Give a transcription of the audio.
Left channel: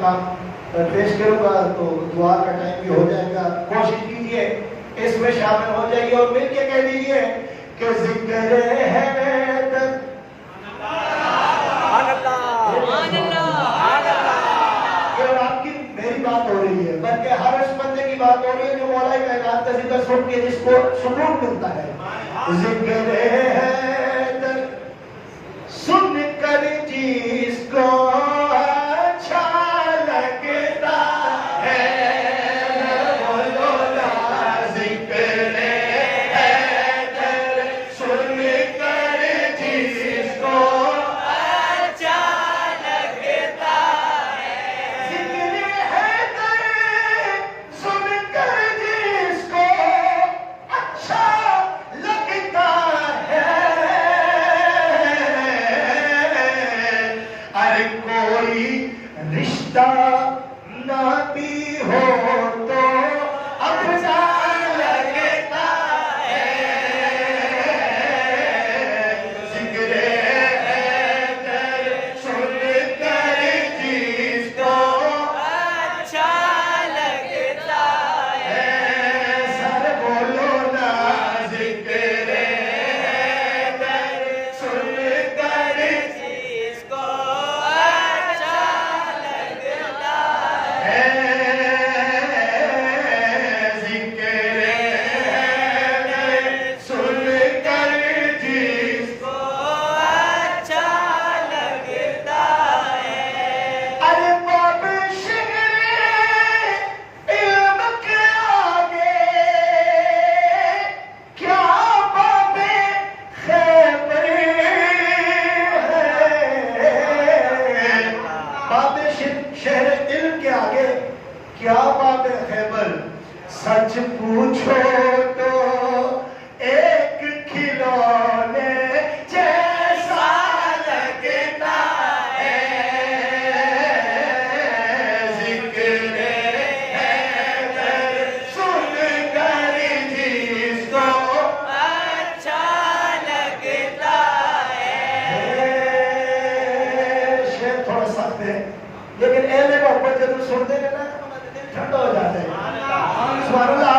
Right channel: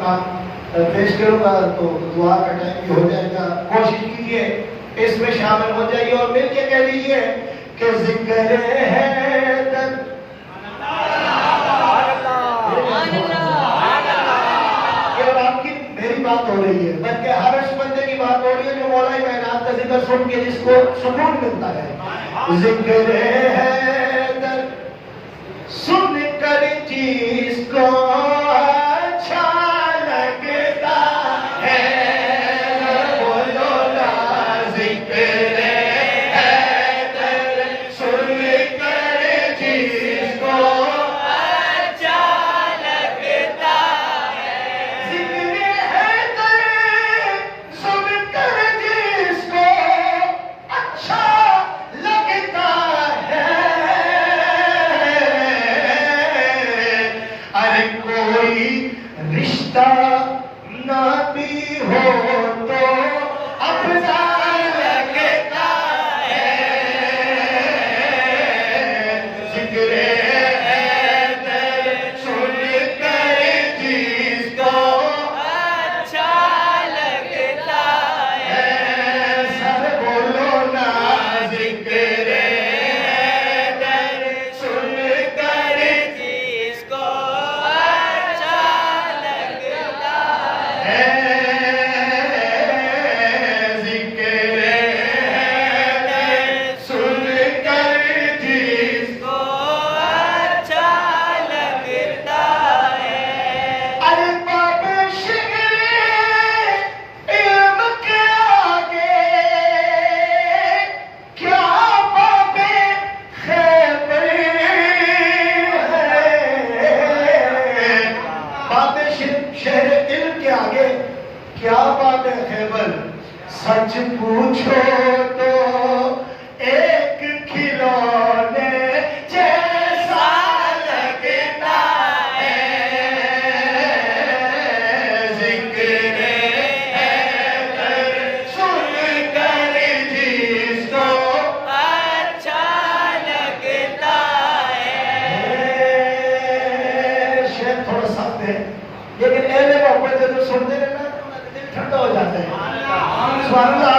مقام پیش کروں گا تو دعا کا ٹائم بھی ہو جائے گا. کوشش کیجئے اس میں شامل ہو جائیے اور مل کے کہہ لیجئے کہ ذکر حیدر. یہ اور آپ کی میری بات ہو رہی ہے بلکہ ہر اس بندے کی بات ہو رہی ہے جو مولا کائنات کا ذکر سن کے جس کو سکون ملتا ہے. ذکر حیدر سن کر جس کو اچھا لگتا ہے بولو نا ذکر حیدر سن کر جس کو اچھا لگتا ہے. ذکر حیدر سن کر جس کو اچھا لگتا ہے. ارے کوئی رشتہ نہ بھی ہو تو افضل لگتا ہے. ذکر حیدر سن کر جس کو اچھا لگتا ہے. سر بولو نا ذکر حیدر سن کر جس کو اچھا لگتا ہے. ذکر حیدر سن کر جس کو اچھا لگتا ہے. ارے باب شکر علم کے آگے کیا باب خیبر ہے. باب شہر علم کے آگے کیا باب خیبر. سچ پوچھو تو ایک کھلونے جیسا لگتا ہے. ذکر حیدر سن کر جس کو اچھا لگتا ہے. شعر تھوڑا سخت ہے لیکن اہل محبت جب سنتے ہیں نا دل ٹھنڈا ہو جاتا ہے. سبحان اللہ. آپ